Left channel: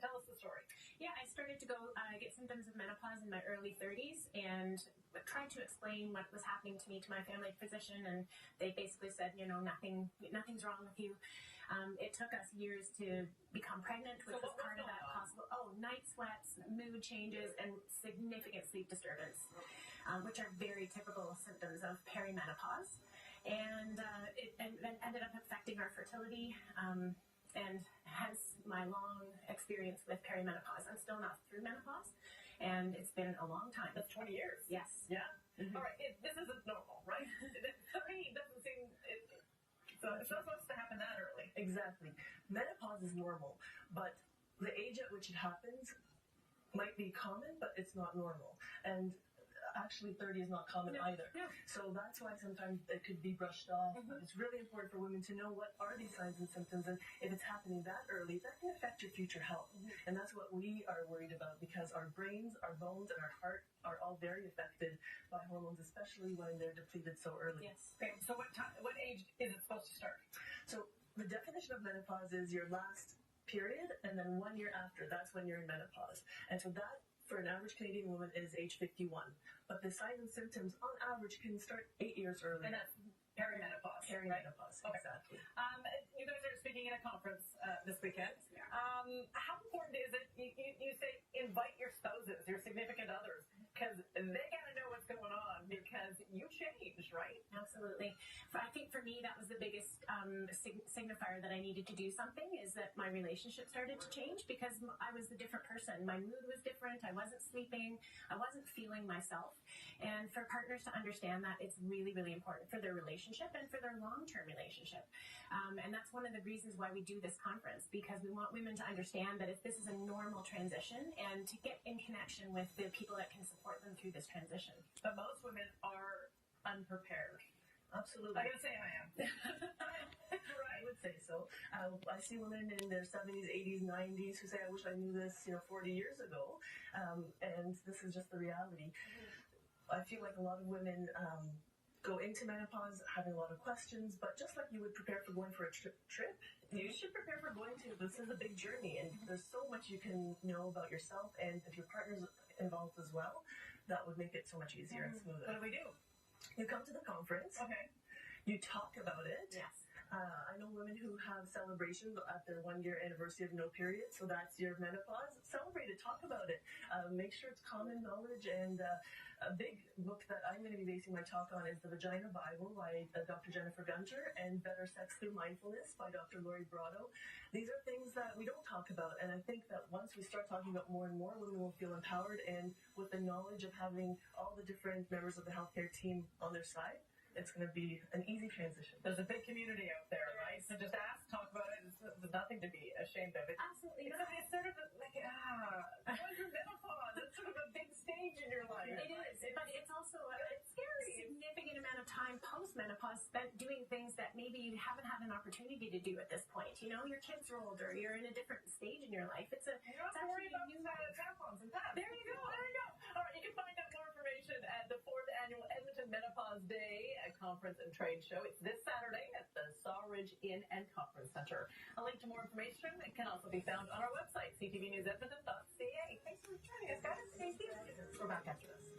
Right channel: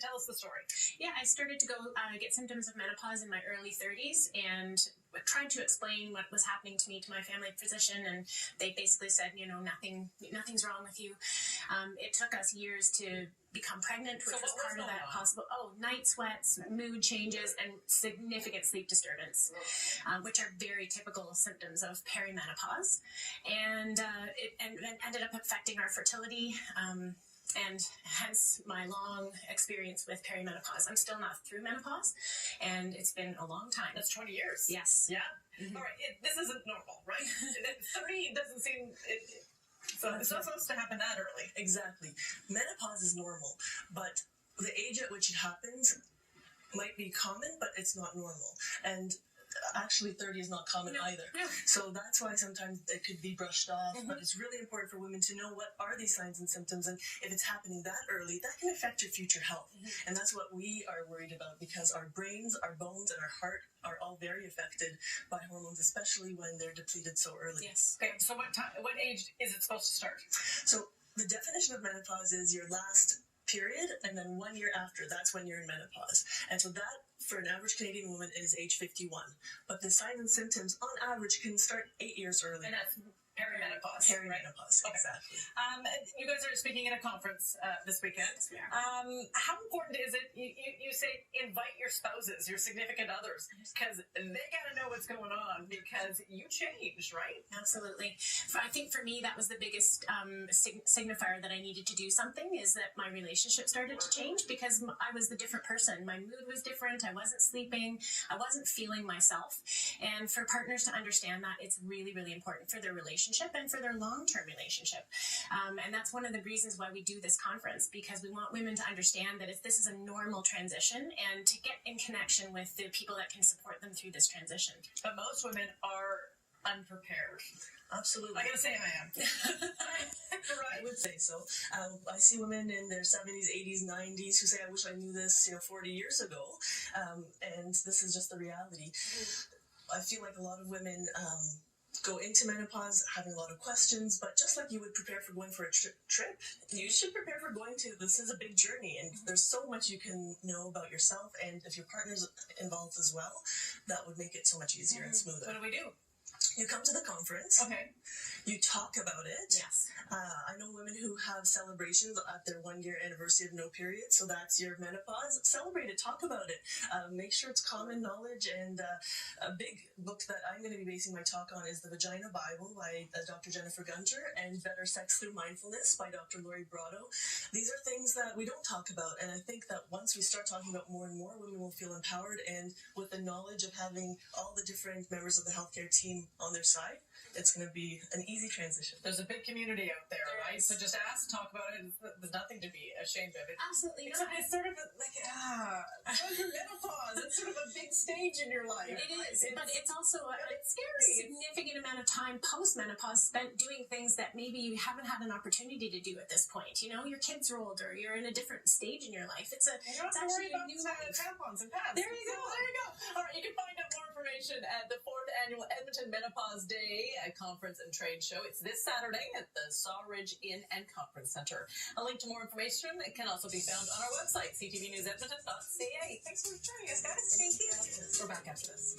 Tell us the story. Yeah, I started to go get symptoms of menopause in my early 30s and tried to explain what was happening to me to my family physician, and they basically said, nothing's wrong with you. It took us years to become pregnant, which was part of that possible. Night sweats, mood changes, and significant sleep disturbance, which are very typical symptoms of perimenopause, and it ended up affecting our fertility. And hence my long experience with perimenopause. I'm still not through menopause, and it's been a long time. That's 20 years. Yes. Yeah. Mm-hmm. All right. This isn't normal, right? 30 doesn't seem... So it's not supposed to happen that early. Exactly. Menopause is normal, but the age at which it happens might be common, but it's not normal. And actually 30 is not common either. Yeah. So that's why sometimes it could be brushed off, but it's really important for women to know what are these signs and symptoms, and if it's happening that early, that can affect your future health. And that's what we are worried about, because our brains, our bones, and our heart are all very affected by hormones, especially when they're depleted so early. Yes. Okay, so what age is it supposed to start? So the definition of menopause is your last period, and then 1 year after, that's when you're in menopause. And so that, for an average Canadian woman, is age 51. But the signs and symptoms, on average, can start 8 years earlier. And that's perimenopause. Perimenopause, right? exactly. Okay. You guys are speaking at a conference this weekend. Yes, we are. How important is it, you say, invite your spouses, your significant others, because they got to know what's going on, because you changed, right? Absolutely. I think for me, that was the biggest signifier that I needed to do something, is that my relationship started to change, because I was the different person. My mood was different. I wasn't sleeping. I wasn't feeling myself. And for partners to understand that, it's really, really important for their relationship and for their long-term relationship. And that's one of the reasons why we do this conference, because we want women to understand that this is a normal transition, and to get in connection with the people that can support them through this transition. But most women are unprepared. Absolutely. I gotta say I am. Right. I would say so. I see women in their 70s, 80s, 90s who say, I wish I knew this 40 years ago. And this is just the reality. I feel like a lot of women go into menopause having a lot of questions, but just like you would prepare for going for a trip, you should prepare for going to. This is a big journey, and there's so much you can know about yourself, and if your partner's involved as well, that would make it so much easier and smoother. What do we do? You come to the conference. Okay. You talk about it. Yes. I know women who have celebrations at their 1 year anniversary of no period, so that's your menopause. Celebrate it, talk about it. Make sure it's common knowledge, and a big book that I'm going to be basing my talk on is The Vagina Bible by Dr. Jennifer Gunter, and Better Sex Through Mindfulness by Dr. Lori Brotto. These are things that we don't talk about, and I think that once we start talking about more and more, women will feel empowered, and with the knowledge of having all the different members of the healthcare team on their side, it's going to be an easy transition. There's a big community out there, right? So just ask, talk about it. There's nothing to be ashamed of. Absolutely Except not. it's sort of like, going through menopause. It's sort of a big stage in your life. It is, but it's also a scary. significant amount of time post-menopause spent doing things that maybe you haven't had an opportunity to do at this point. Your kids are older, you're in a different stage in your life. It's actually a new life. Tampons and pads. There you go. All right, you can find out more information at the 4th Annual Edmonton Menopause Day Conference and Trade Show. It's this Saturday at the Sawridge Inn and Conference Center. A link to more information can also be found on our website, ctvnewsedmonton.ca. Thanks for joining us, guys. Thank you. We're back after this.